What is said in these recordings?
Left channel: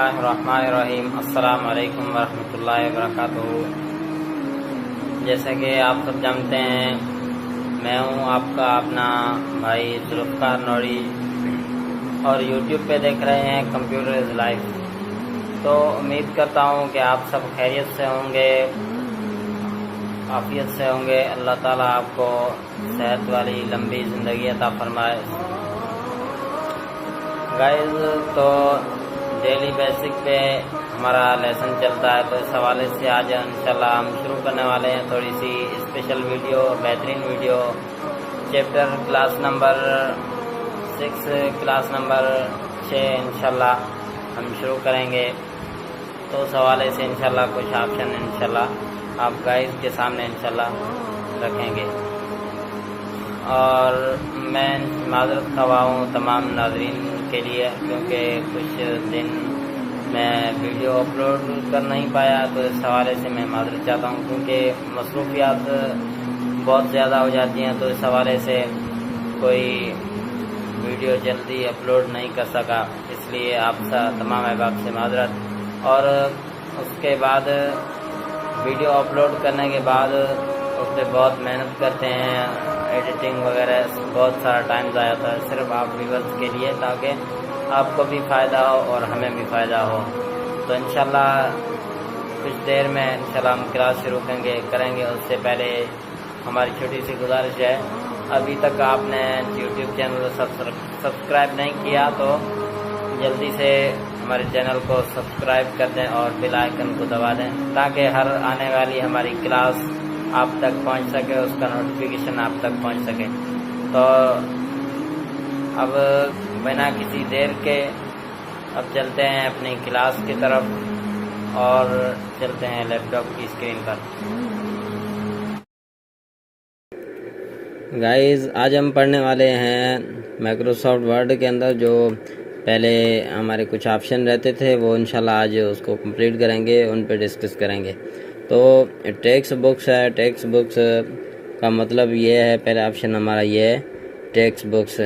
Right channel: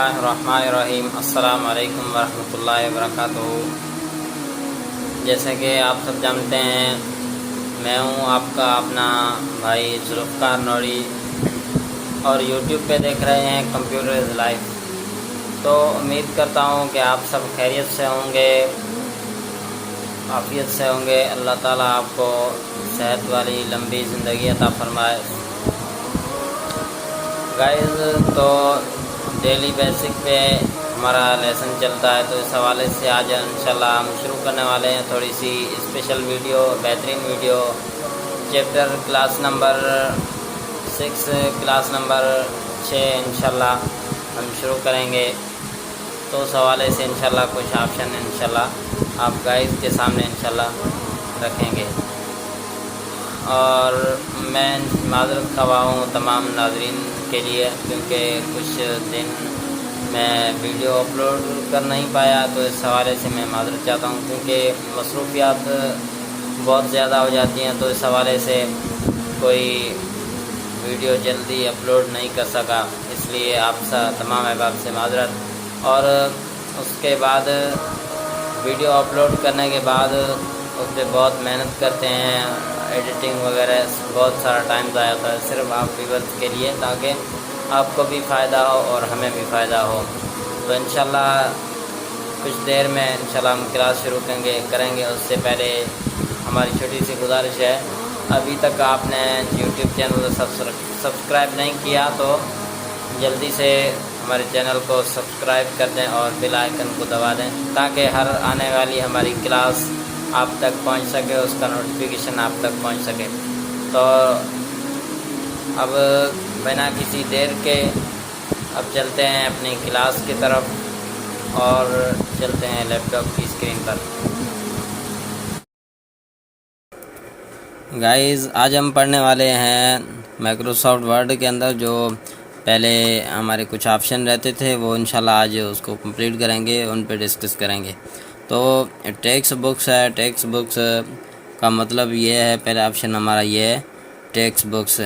बिस्मिल्लाहिर्रहमानिर्रहीम। अस्सलाम वालेकुम वरहमतुल्लाहि वबरकातुहू। जैसे कि आप सब जानते हैं, मैं हूं आपका अपना भाई जुल्फ़कार नौरी और यूट्यूब पे देख रहे हैं कंप्यूटर इज़ लाइफ। तो उम्मीद करता हूं कि आप सब खैरियत से होंगे, आफ़ियत से होंगे। अल्लाह ताला आपको सेहत वाली लंबी ज़िंदगी अता फ़रमाए। गाइस, तो डेली बेसिक पे हमारा लेसन चलता है, तो इस हवाले से आज इंशाल्लाह हम शुरू करने वाले हैं थोड़ी सी स्पेशल वीडियो, बेहतरीन video. Chapter class number 6, class number 6 इंशाल्लाह हम शुरू करेंगे। तो उस हवाले से इंशाल्लाह कुछ ऑप्शन इंशाल्लाह आप गाइस के सामने इंशाल्लाह रखेंगे। और मैं माज़रत ख़वाह हूँ तमाम नाज़रीन के लिए, क्योंकि कुछ दिन मैं वीडियो अपलोड कर नहीं पाया, तो इस हवाले से मैं माज़रत चाहता हूँ, क्योंकि मसरूफ़ियात बहुत ज़्यादा हो जाती हैं। तो इस हवाले से कोई वीडियो जल्दी अपलोड नहीं कर सका, इसलिए आप तमाम अहबाब से माज़रत। और उसके बाद वीडियो अपलोड करने के बाद उस पर बहुत मेहनत करते हैं, एडिटिंग वगैरह, बहुत सारा टाइम ज़ाया होता है सिर्फ आप व्यूअर्स के लिए, ताकि आपको भी फ़ायदा हो और हमें भी फ़ायदा हो। तो इंशाल्लाह कुछ देर में इंशाल्लाह हम क्लास शुरू करेंगे। उससे पहले हमारी छोटी सी गुजारिश है, अभी तक आपने यूट्यूब चैनल सब्सक्राइब नहीं किया तो जल्दी से हमारे चैनल को सब्सक्राइब कर दें और बेल आइकन को दबा दें, ताकि हर आने वाली हमारी क्लास आप तक पहुंच सके, उसका नोटिफिकेशन आप तक पहुंच सके। तो अब बिना किसी देर के अब चलते हैं अपनी क्लास की तरफ और चलते हैं लैपटॉप की स्क्रीन पर। गाइस, आज हम पढ़ने वाले हैं माइक्रोसॉफ्ट वर्ड के अंदर जो पहले हमारे कुछ ऑप्शन रहते थे, वो इंशाल्लाह आज उसको कंप्लीट करेंगे, उन पे डिस्कस करेंगे। तो टेक्स्ट बुक्स है, टेक्स्ट बुक्स का मतलब ये है, पहला ऑप्शन हमारा ये है टेक्स्ट बुक्स।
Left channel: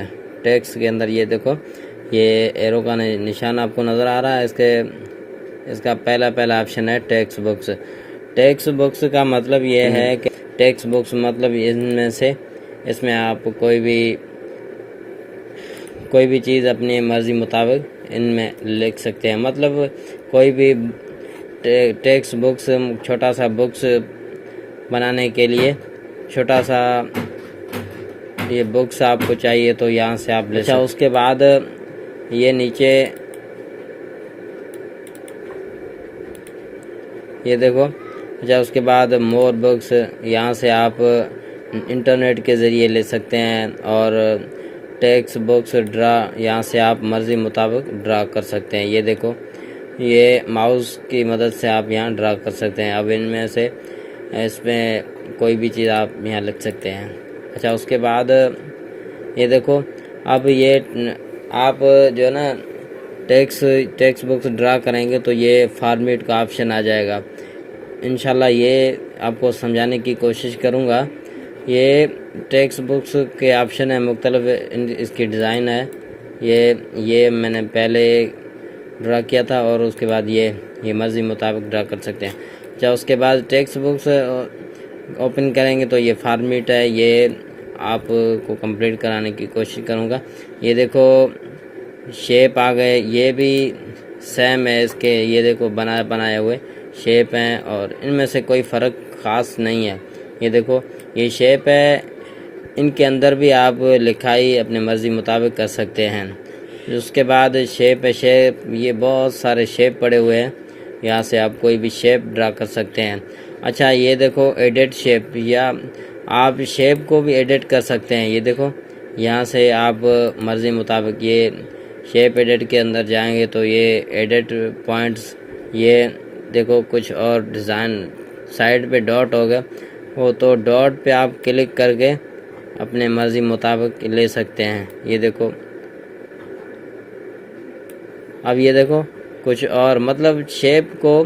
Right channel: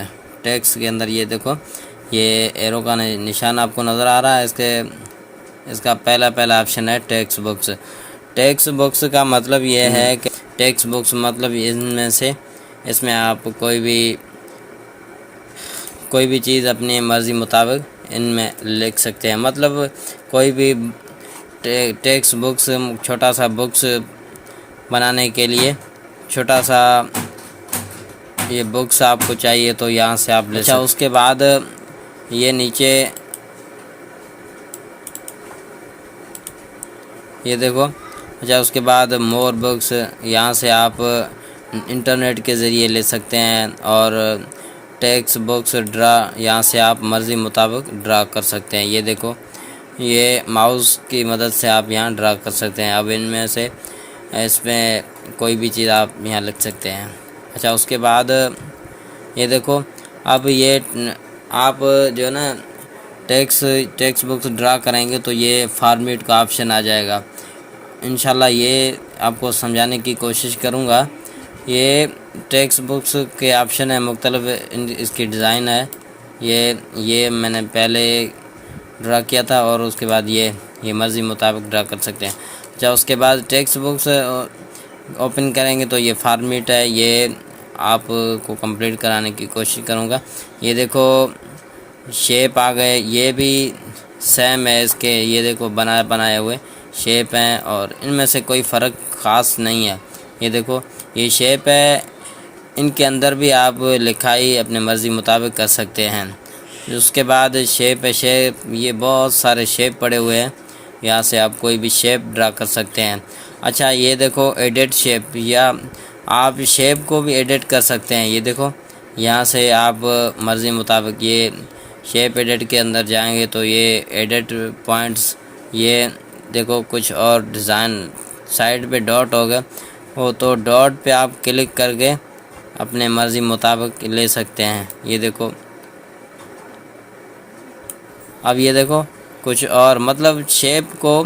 टेक्स्ट के अंदर ये देखो, ये एरो का निशान आपको नज़र आ रहा है, इसका पहला ऑप्शन है टेक्स्ट बुक्स। टेक्स्ट बुक्स का मतलब ये है कि टेक्स्ट बुक्स मतलब इसमें आप कोई भी चीज़ अपनी मर्ज़ी मुताबिक इनमें लिख सकते हैं। मतलब कोई भी टेक्स्ट बुक्स, छोटा सा बुक्स बनाने के लिए छोटा सा ये बुक्स आपको चाहिए तो यहाँ से आप ले सकते हैं। उसके बाद ये नीचे ये देखो, उसके बाद मोर बुक्स, यहाँ से आप इंटरनेट के ज़रिए ले सकते हैं। और टेक्स्ट बुक्स ड्रा, यहाँ से आप मर्ज़ी मुताबिक ड्रा कर सकते हैं। ये देखो, ये माउस की मदद से आप यहाँ ड्रा कर सकते हैं। अब इनमें से इसमें कोई भी चीज़ आप यहाँ लिख सकते हैं। उसके बाद ये देखो, अब ये आप जो है ना टेक्स्ट बुक्स ड्रा करेंगे तो ये फॉर्मेट का ऑप्शन आ जाएगा। इंशाल्लाह ये आपको समझाने की कोशिश करूँगा। ये टेक्स्ट बुक्स के ऑप्शन है मुख्तलिफ, इसकी डिज़ाइन है। ये मैंने पहले ड्रा किया था और उसके बाद ये मर्ज़ी मुताबिक ड्रा कर सकते हैं। उसके बाद टेक्स्ट बुक्स ओपन करेंगे तो ये फॉर्मेट है, ये आपको कंप्लीट कराने की कोशिश करूँगा। ये देखो शेप आ गए, ये भी सेम है इसके, ये देखो बनाए हुए शेप हैं और इनमें से कोई फ़र्क ख़ास नहीं है। ये देखो, ये शेप है, इनके अंदर भी आप लिखाई अपने मर्ज़ी मुताबिक कर सकते हैं। उसके बाद शेप है, ये बहुत सारे शेप पड़े हुए हैं, यहाँ से आप कोई भी शेप ड्रा कर सकते हैं। ये देखो एडिट शेप, या आप शेप को भी एडिट कर सकते हैं। ये देखो, यहाँ से आप मर्ज़ी मुताबिक ये शेप एडिट के अंदर जाएंगे तो ये एडिट पॉइंट्स, ये देखो कुछ और डिज़ाइन साइड पे डॉट हो गया वो, तो डॉट पे आप क्लिक करके अपने मर्ज़ी मुताबिक ले सकते हैं। ये देखो, अब ये देखो कुछ और, मतलब शेप को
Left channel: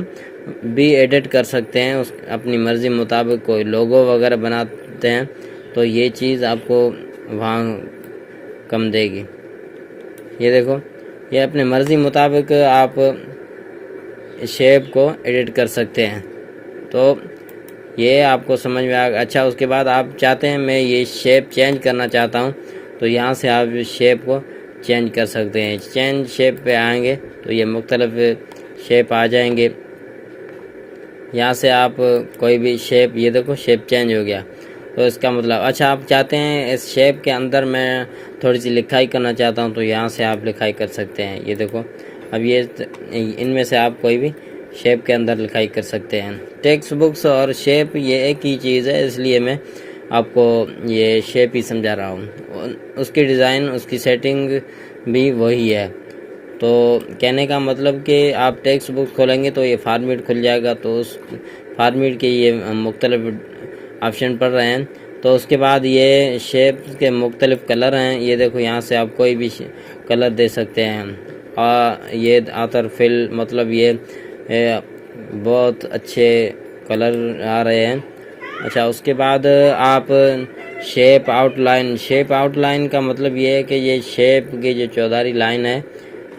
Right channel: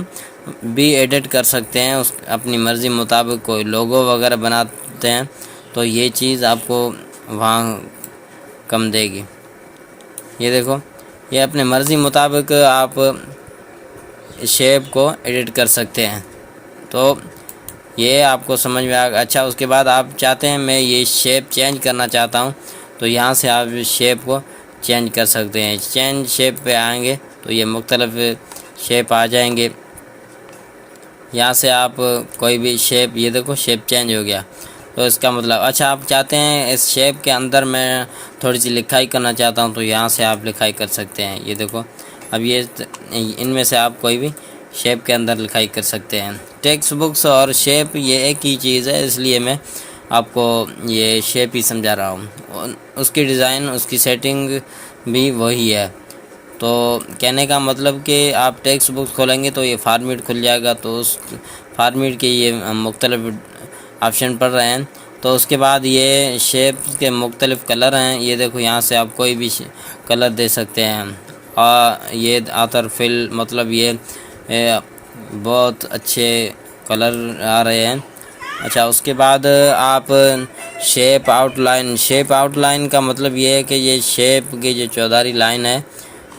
भी एडिट कर सकते हैं अपनी मर्ज़ी मुताबिक। कोई लोगो वगैरह बनाते हैं तो ये चीज़ आपको वहाँ कम देगी। ये देखो, ये अपने मर्ज़ी मुताबिक आप शेप को एडिट कर सकते हैं। तो ये आपको समझ में आ गया। अच्छा, उसके बाद आप चाहते हैं मैं ये शेप चेंज करना चाहता हूँ, तो यहाँ से आप शेप को चेंज कर सकते हैं। चेंज शेप पे आएंगे तो ये मुख्तलिफ शेप आ जाएंगे। यहाँ से आप कोई भी शेप, ये देखो शेप चेंज हो गया। तो इसका मतलब, अच्छा आप चाहते हैं इस शेप के अंदर मैं थोड़ी सी लिखाई करना चाहता हूँ, तो यहाँ से आप लिखाई कर सकते हैं। ये देखो, अब ये इनमें से आप कोई भी शेप के अंदर लिखाई कर सकते हैं। टेक्स्ट बुक्स और शेप ये एक ही चीज़ है, इसलिए मैं आपको ये शेप ही समझा रहा हूँ। उसकी डिज़ाइन, उसकी सेटिंग भी वही है। तो कहने का मतलब कि आप टेक्स्ट बुक खोलेंगे तो ये फॉर्मेट खुल जाएगा, तो उस फॉर्मेट के ये मुख्तलिफ ऑप्शन पड़ रहे हैं। तो उसके बाद ये शेप के मुख्तलिफ कलर हैं। ये देखो, यहाँ से आप कोई भी कलर दे सकते हैं। और ये आतर फिल, मतलब ये बहुत अच्छे कलर आ रहे हैं। अच्छा, उसके बाद आप शेप आउटलाइन का मतलब ये है कि ये शेप की जो चौधारी लाइन है,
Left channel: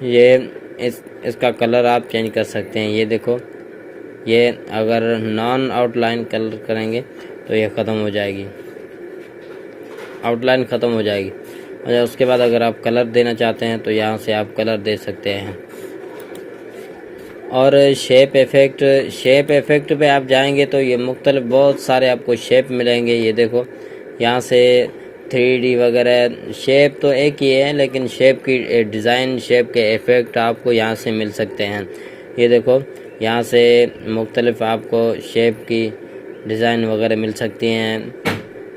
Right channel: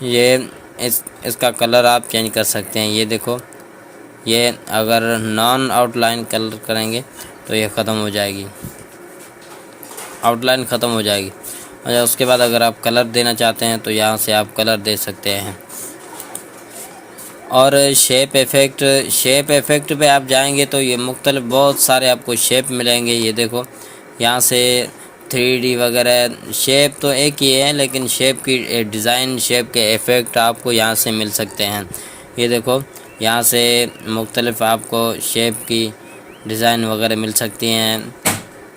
ये इसका कलर आप चेंज कर सकते हैं। ये देखो, ये अगर नॉन आउटलाइन कलर करेंगे तो ये ख़त्म हो जाएगी, आउटलाइन ख़त्म हो जाएगी। अच्छा, उसके बाद अगर आप कलर देना चाहते हैं तो यहाँ से आप कलर दे सकते हैं। और शेप इफ़ेक्ट पे आप जाएंगे तो ये मुख्तलिफ बहुत सारे आपको शेप मिलेंगे। ये देखो, यहाँ से 3D वगैरह, शेप तो एक ही है लेकिन शेप की डिज़ाइन, शेप के इफ़ेक्ट आपको यहाँ से मिल सकते हैं। ये देखो, यहाँ से मुख्तलिफ आपको शेप की डिज़ाइन वगैरह मिल सकती हैं।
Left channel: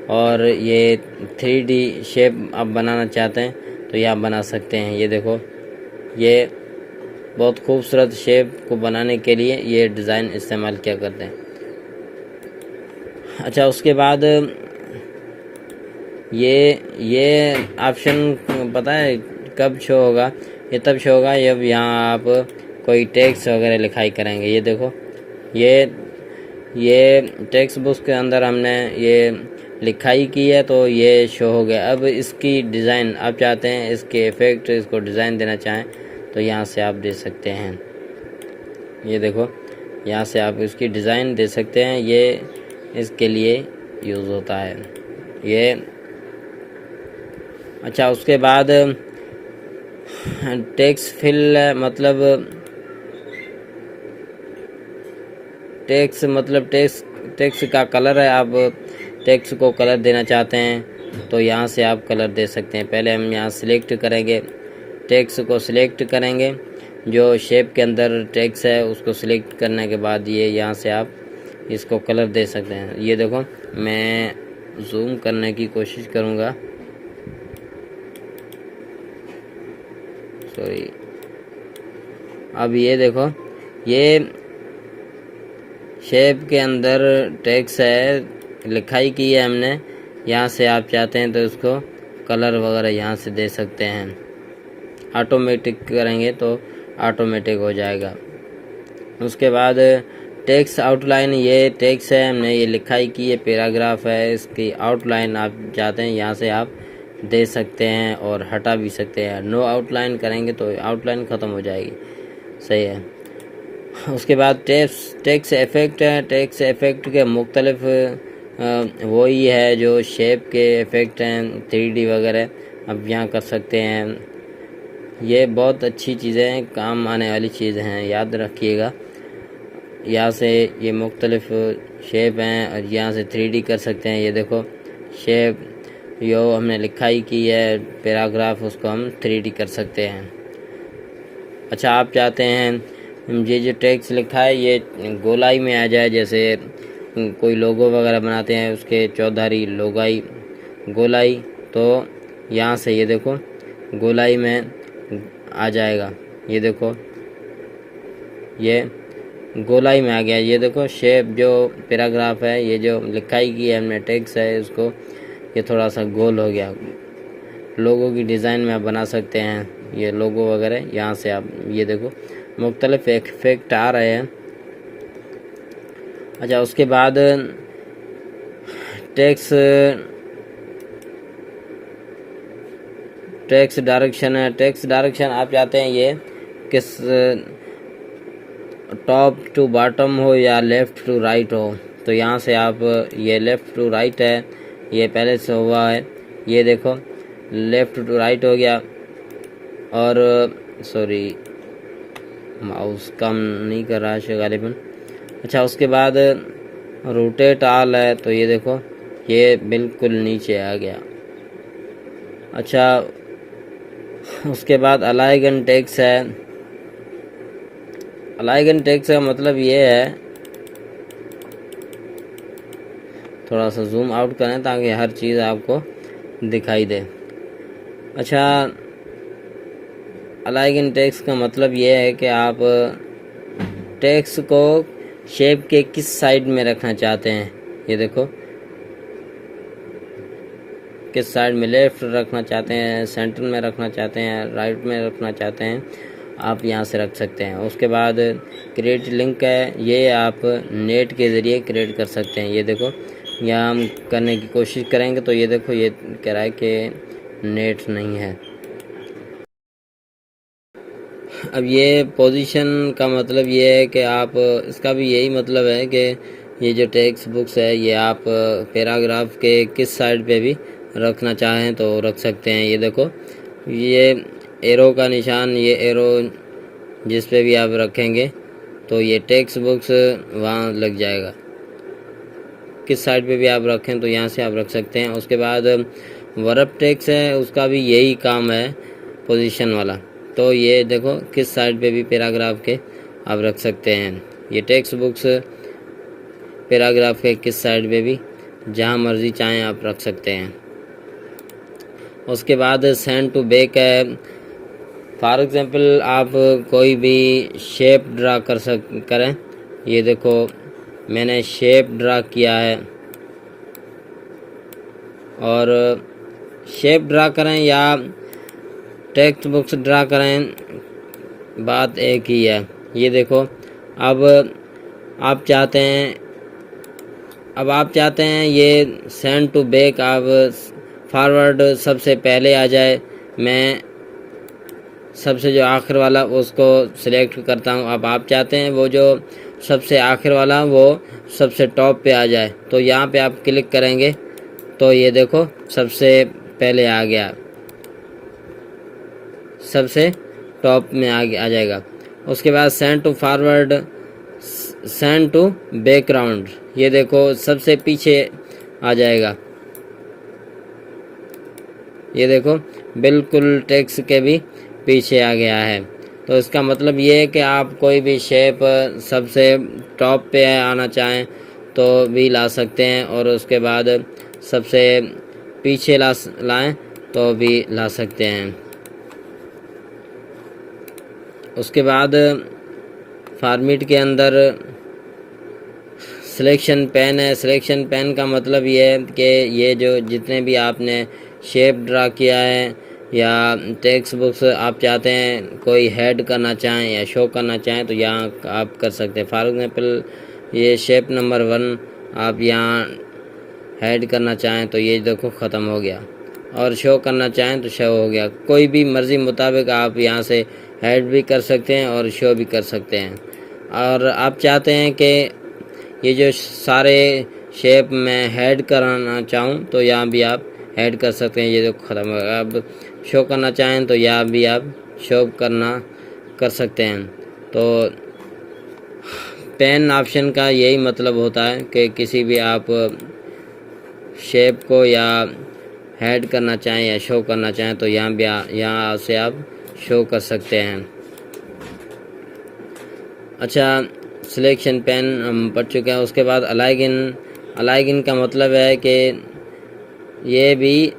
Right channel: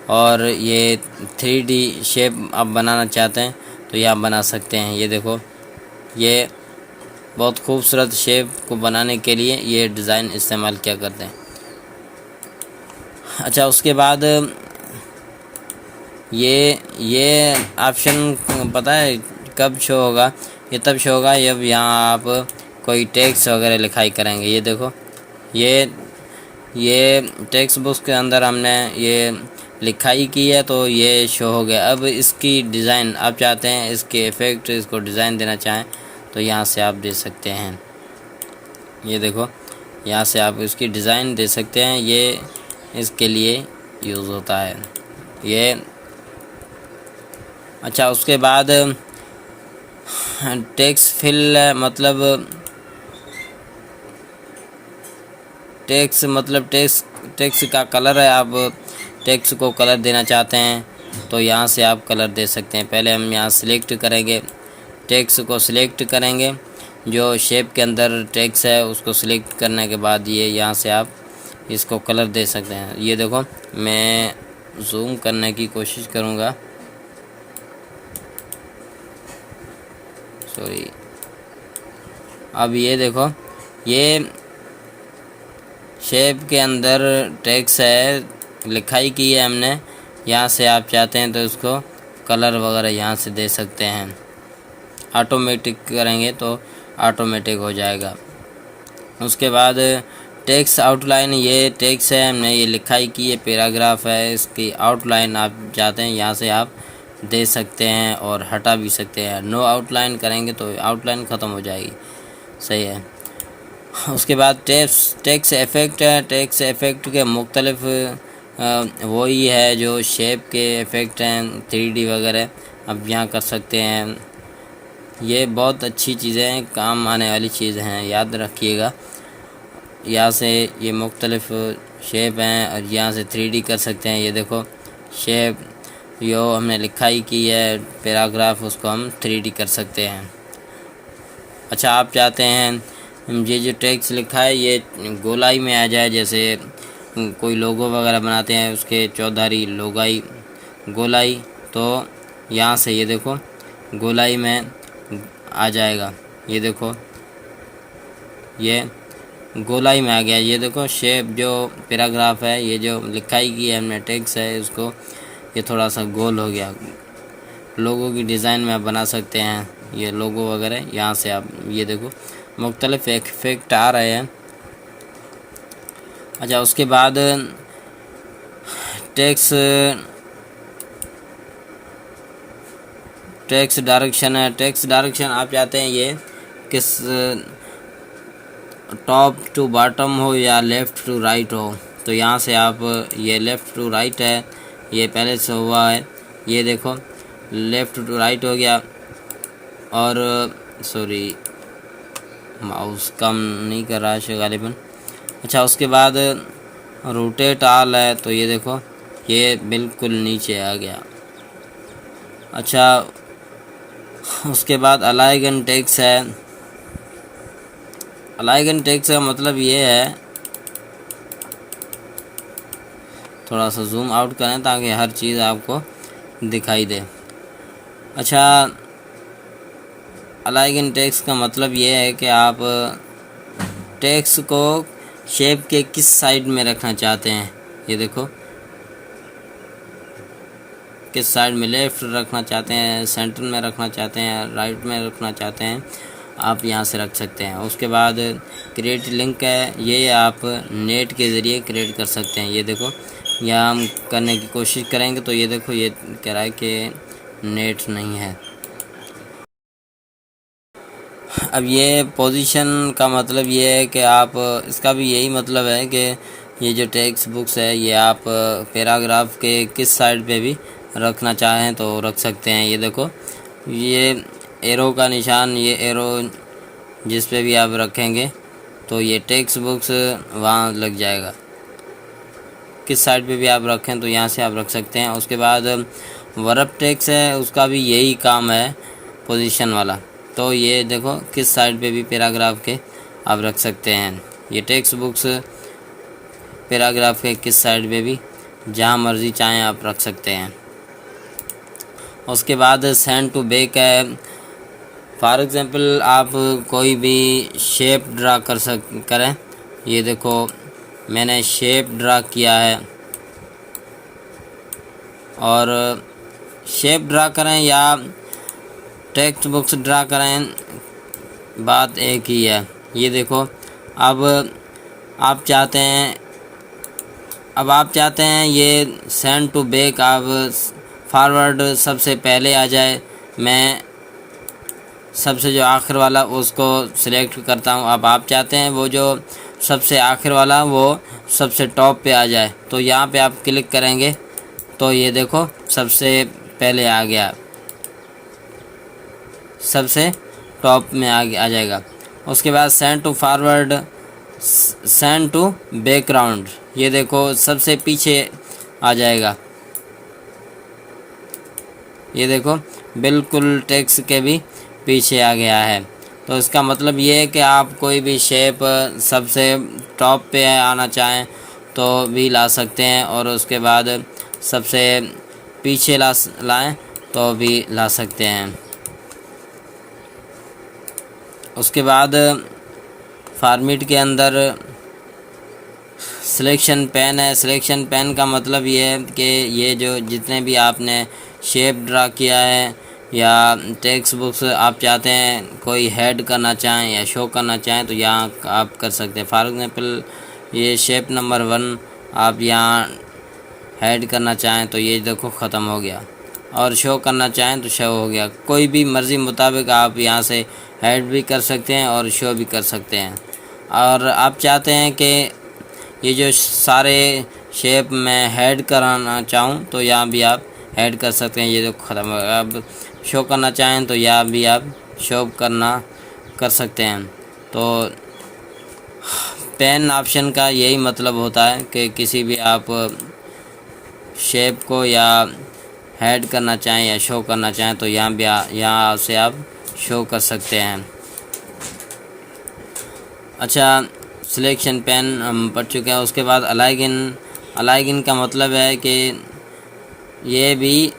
और ये 3D शेप आप बनाना चाहते हैं तो ये आप बना सकते हैं। ये देखो, ये बहुत खूबसूरत शेप को बनाने के लिए ये डिज़ाइन इस्तेमाल किया करते हैं। अच्छा, उसके बाद ये ऑप्शन पता है कब शो होगा? ये तब शो होगा जब यहाँ आप कोई टेक्स्ट वगैरह लिखाई करेंगे। ये देखो, ये टेक्स्ट बुक के अंदर हमने ये लिखाई की है तो ये शो हो गया। अब इसकी डिज़ाइन आप चाहते हैं, इसके इफ़ेक्ट, इसको डिज़ाइन देना चाहें तो यहाँ से आप दे सकते हैं। ये देखो, यहाँ से आप इसकी डिज़ाइन दे सकते हैं। ये इसके लिए यूज़ होता है ये। अच्छा, उसके बाद टेक्स्ट फिल, मतलब टेक्स्ट का कलर है। आप टेक्स्ट को कलर देना चाहते हैं तो यहाँ से आप कलर दे सकते हैं। पहले हम यहाँ सिलेक्ट करेंगे, टेक्स्ट को सिलेक्ट करेंगे, जो शेप के अंदर टेक्स्ट है उसको सिलेक्ट करने के बाद ये यहाँ से आप इसको कलर दे सकते हैं। ये देखो, मैं जूम करने की कोशिश करूँगा, सॉरी। अब ये देखो, ये शेप के अंदर टेक्स्ट है, लिखाई की है हमने। यहाँ से आप चाहते हैं तो इसको कलर वगैरह यहाँ से दे सकते हैं। ऑटोमेटिक करेंगे तो ऑटोमेटिक हो जाएगा। उसके बाद टेक्स्ट आउटलाइन, ये टेक्स्ट है, हमने ये लिखाई की है, पैराग्राफ है, इसकी आउटलाइन आप चाहते हैं यहाँ से आप दे सकते हैं और हटा भी सकते हैं। नो आउटलाइन करेंगे तो आउटलाइन ख़त्म हो जाएगी, सही है। उसके बाद टेक्स्ट इफ़ेक्ट है। टेक्स्ट इफ़ेक्ट के मुख्तलिफ वही है जो शेप के इफ़ेक्ट हैं, 3D वगैरह आप यहाँ कर सकते हैं। ये बहुत अच्छी चीज़ें हैं, काम आने वाली चीज़ हैं, याद रखिएगा। यहाँ से ये मुख्तलिफ शेप हैं और यहाँ से 3D कर सकते हैं। ये देखो, शेप जो हमने लिखाई की है, पैराग्राफ, उसको हम 3D कर सकते हैं। अच्छा, आप चाहते हैं ये जो टेक्स्ट लिखा है ये गोलाई में आ जाए, जैसे कोई लोगो वगैरह बनाते हैं उसके चौधारी गोलाई, तो यहाँ से ये देखो गोलाई में आ जाएगा। ये देखो, ये गोलाई में आ गया। ये देखो, शेप जो पैराग्राफ है, ये जो लिखाई की है हमने टेक्स्ट है, उसको ये थोड़ा सा गोल हो गया। लोगों की डिज़ाइन में बना सकते हैं ये लोगो वगैरह। यहाँ से आप ये देखो मुख्तलिफ इफेक्ट आ रहे हैं। अच्छा, उसके बाद टेक्स्ट डायरेक्शन है। टेक्स्ट डायरेक्शन आप चाहते हैं ये किस टॉप टू बॉटम हो या लेफ़्ट टू राइट हो। तो यहाँ से आप ये लेफ़्ट टू राइट है, ये पहले से हुआ है, ये देखो लेफ़्ट टू राइट हो गया। और सॉरी माउस काम नहीं कर रहा है गालिबन। अच्छा उसके बाद रोटेट ऑल है, तो ये देखो ये बिल्कुल नीचे आ गया। अच्छा उसके बाद अलाइन एंड टेक्स्ट है। अलाइन एंड टेक्स्ट का मतलब ये है, थोड़ा सा जूम आउट करें ताकि हर चीज़ आपको दिखाई दे। अच्छा अलाइन एंड टेक्स्ट का मतलब ये है कि आप टेक्स्ट को शेप के किस साइड में रखना चाहते हैं। ये देखो किस साइड में, लेफ़्ट रखना चाहते हैं, सेंटर में रखना चाहते हैं, राइट में रखना चाहते हैं, आप यहाँ से रख सकते हैं। उसके बाद क्रिएट लिंक है, ये आप नेट के ज़रिए क्रिएट कर सकते हैं। ये देखो यहाँ हम करने की कोशिश करेंगे तो ये देखो ये कह रहा है कि नेट नहीं है। अब ये पोजीशन का मतलब ये है कि आप, इसका भी यही मतलब है कि ये जो टेक्स्ट बुक्स है ये आप पैराग्राफ के किस साइड पे भी रखना चाहें तो रख सकते हैं। ये देखो ये एरो का निशान, ये एरो जिस पे भी आप रखेंगे तो ये टेक्स्ट बुक्स वहाँ लग जाएगा। किस साइड पे भी आप रखें तो यहाँ से आप रख सकते हैं। उसके बाद वर्ब टेक्स्ट है, उसका भी यही काम है पोजीशन वाला। तो ये देखो किस साइड पे भी पैराग्राफ के आप रख सकते हैं। ये टेक्स्ट बुक्स पैराग्राफ के किस साइड पे भी जहाँ मर्जी चाहें आप रख सकते हैं। उसके बाद सेंड टू बैक है। फॉर एग्जांपल आप कोई भी शेप ड्रा करें। ये देखो मैंने शेप ड्रा किया है, और शेप ड्रा करें या टेक्स्ट बुक्स ड्रा करें, बात एक ही है। ये देखो अब आप चाहते हैं ये सेंड टू बैक आप फॉरवर्ड सबसे पहले आ जाए। मैं सबसे जो आखिर वाला उसको सिलेक्ट करता हूँ। अब आप चाहते हैं वो जो सबसे आखिर वाला वो सबसे टॉप पे आ जाए, तो यहाँ पे आप क्लिक करेंगे तो ये देखो सबसे पहले आ गया, सबसे टॉप में आ जाएगा। उसके बाद send to forward, send to background, ये देखो सबसे पीछे आ जाएगा। ये देखो बिल्कुल टेक्स्ट के भी पीछे आ गया है। तो इसका मतलब ये है कि आप कोई भी शेप सबसे टॉप पे आना चाहें तो भी ला सकते हैं, और उसके बाद सबसे पीछे लाएं तो भी ला सकते हैं। उसके बाद फॉर्मेट के अंदर सिलेक्शन पेन है। सिलेक्शन पेन का मतलब ये है कि ये जो जितने भी आपने शेप ड्रा किया है या टेक्स्ट बुक्स आप चाहते हैं कोई हेड करना चाहें या शो करना चाहें तो यहाँ आप कर सकते हैं। फॉर एग्जांपल ये शेप नंबर 1 आप यहाँ हेड करना चाहें तो ये देखो ख़त्म हो गया, और शो करना चाहें तो शो हो गया। कोई भी मर्ज़ी मुताबिक आप यहाँ से हेड भी कर सकते हैं और शो भी कर सकते हैं। और आप चाहते हैं कि ये जो सारे शेप में हेड कराना चाहूँ तो यहाँ भी आप हेड कर सकते हैं। ये देखो ख़त्म हो गया। अब शो करना चाहें तो यहाँ भी आप शो कर सकते हैं। तो पेन ऑप्शन का यही मतलब होता है कि किसी भी आप शेप को या हेड करना चाहें या शो करना चाहें तो यहाँ से आप शो कर सकते हैं। अच्छा सिलेक्शन पेन हम पढ़ चुके हैं। उसके बाद अलाइन का मतलब है कि ये भी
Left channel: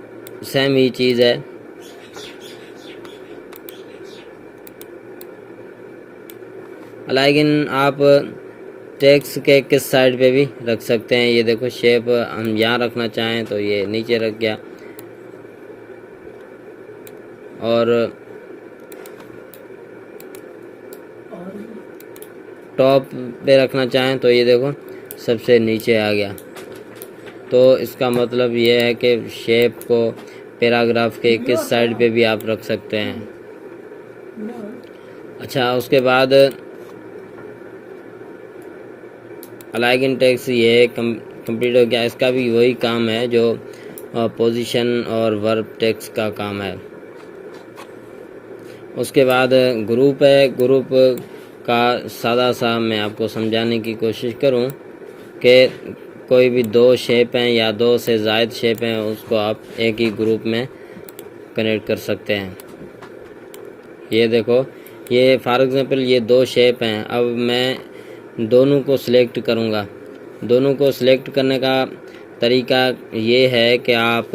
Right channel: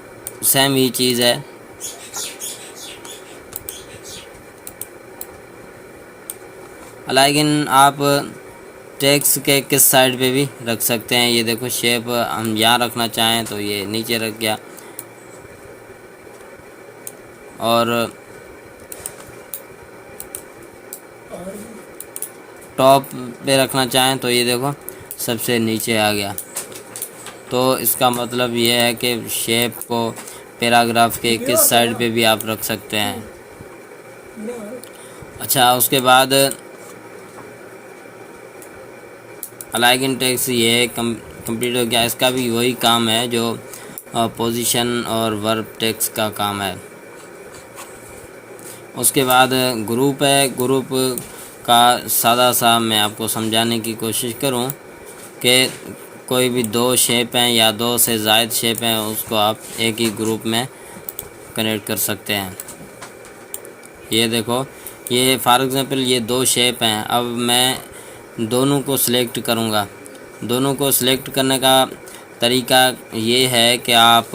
सेम ही चीज़ है। अलाइन आप टेक्स्ट के किस साइड पे भी रख सकते हैं। ये देखो शेप हम यहाँ रखना चाहें तो ये नीचे रख गया, और टॉप पे रखना चाहें तो ये देखो सबसे नीचे आ गया। तो इसका मतलब ये है कि शेप को पैराग्राफ के किस साइड पे भी आप रख सकते हैं। अच्छा उसके बाद अलाइगन टेक्स्ट ये कंप्लीट हो गया। इसका भी वही काम है जो पोजीशन और वर्ब टेक्स्ट का काम है। उसके बाद ग्रुप है। ग्रुप का सादा सा मैं आपको समझाने की कोशिश करूं कि कोई भी दो शेप हैं या दो से ज़ायद शेप हैं, उसको आप एक ही ग्रुप में कनेक्ट कर सकते हैं। ये देखो, ये फॉर एग्ज़ाम्पल ये दो शेप हैं। अब मैं दोनों को सिलेक्ट करूँगा। दोनों को सिलेक्ट करने का तरीका ये है कि आप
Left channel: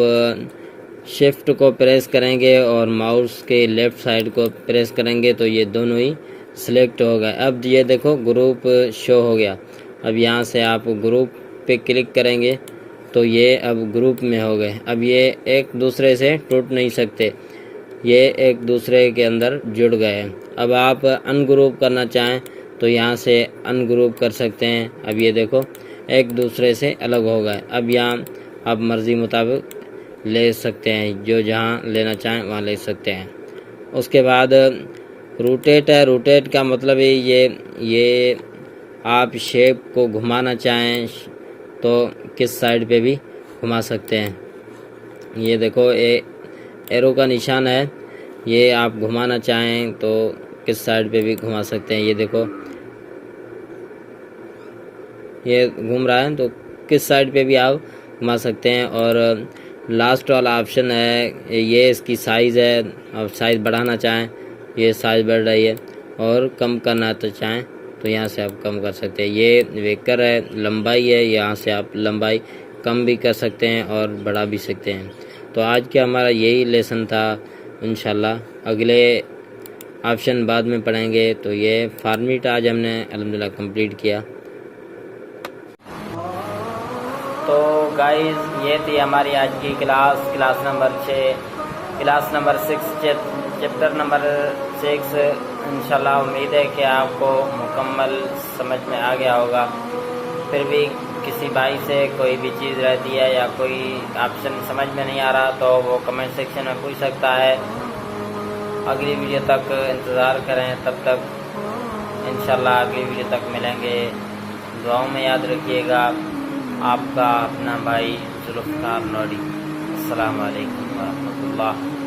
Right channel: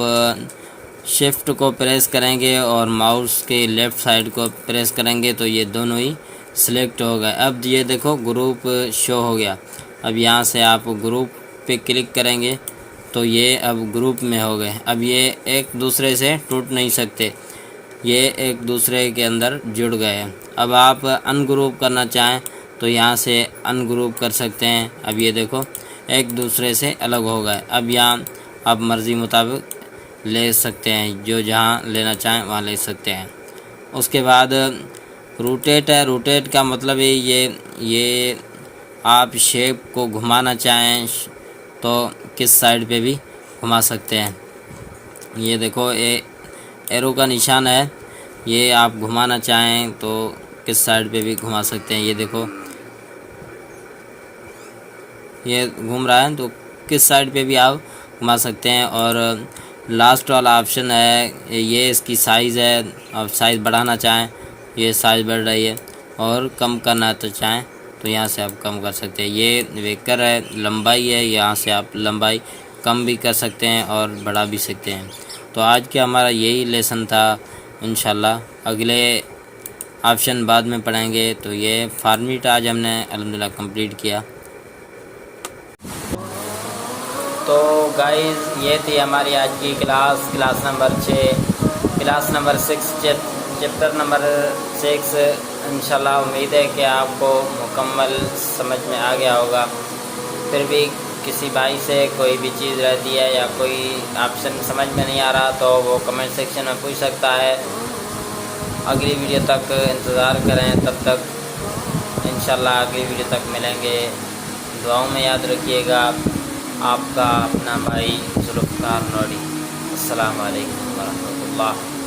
शिफ्ट को प्रेस करेंगे और माउस के लेफ़्ट साइड को प्रेस करेंगे तो ये दोनों ही सिलेक्ट हो गए। अब ये देखो ग्रुप शो हो गया। अब यहाँ से आप ग्रुप पे क्लिक करेंगे तो ये अब ग्रुप में हो गए। अब ये एक दूसरे से टूट नहीं सकते, ये एक दूसरे के अंदर जुड़ गए हैं। अब आप अनग्रुप करना चाहें तो यहाँ से अनग्रुप कर सकते हैं। अब ये देखो एक दूसरे से अलग हो गए। अब यहाँ आप मर्ज़ी मुताबिक ले सकते हैं, जो जहाँ लेना चाहें वहाँ ले सकते हैं। उसके बाद रोटेट है। रोटेट का मतलब है ये आप शेप को घुमाना चाहें तो किस साइड पे भी घुमा सकते हैं। ये देखो एरो का निशान है, ये आप घुमाना चाहें तो किस साइड पे भी घुमा सकते हैं। ये देखो ये घूम रहा है तो किस साइड पे भी आप घुमा सकते हैं। और लास्ट वाला ऑप्शन है, ये इसकी साइज़ है। आप साइज़ बढ़ाना चाहें, ये साइज़ बढ़ रही है, और कम करना तो चाहें तो यहाँ से आप कम कर सकते हैं। ये वेक्टर है, लंबाई है, यहाँ से आप लंबाई कम भी कर सकते हैं और बढ़ा भी सकते हैं। तो आज का हमारा यही लेसन था। इंशाल्लाह अगले ऑप्शन बाद में पढ़ेंगे। तो ये फॉर्मेट आज हमने अल्हम्दुलिल्लाह कंप्लीट किया। तो गाइस ये थी हमारी आज की class number 6, class number 6 chapter number 6। इंशाल्लाह उम्मीद है कि आपको मुकम्मल समझ में आ गया होगा। फिर भी किसी भाई से कोई भी चीज़ रहती है या कोई ऑप्शन समझ में नहीं आ रहा तो वो कमेंट सेक्शन में पूछ सकता है। अगली वीडियो तक इंतज़ार करें, तब तक इंशाल्लाह अगली वीडियो तक मिलेंगे। दुआओं में याद रखिएगा। आपका अपना भाई जुल्फ़कार नूरी। अस्सलामु अलैकुम वरहमतुल्लाह।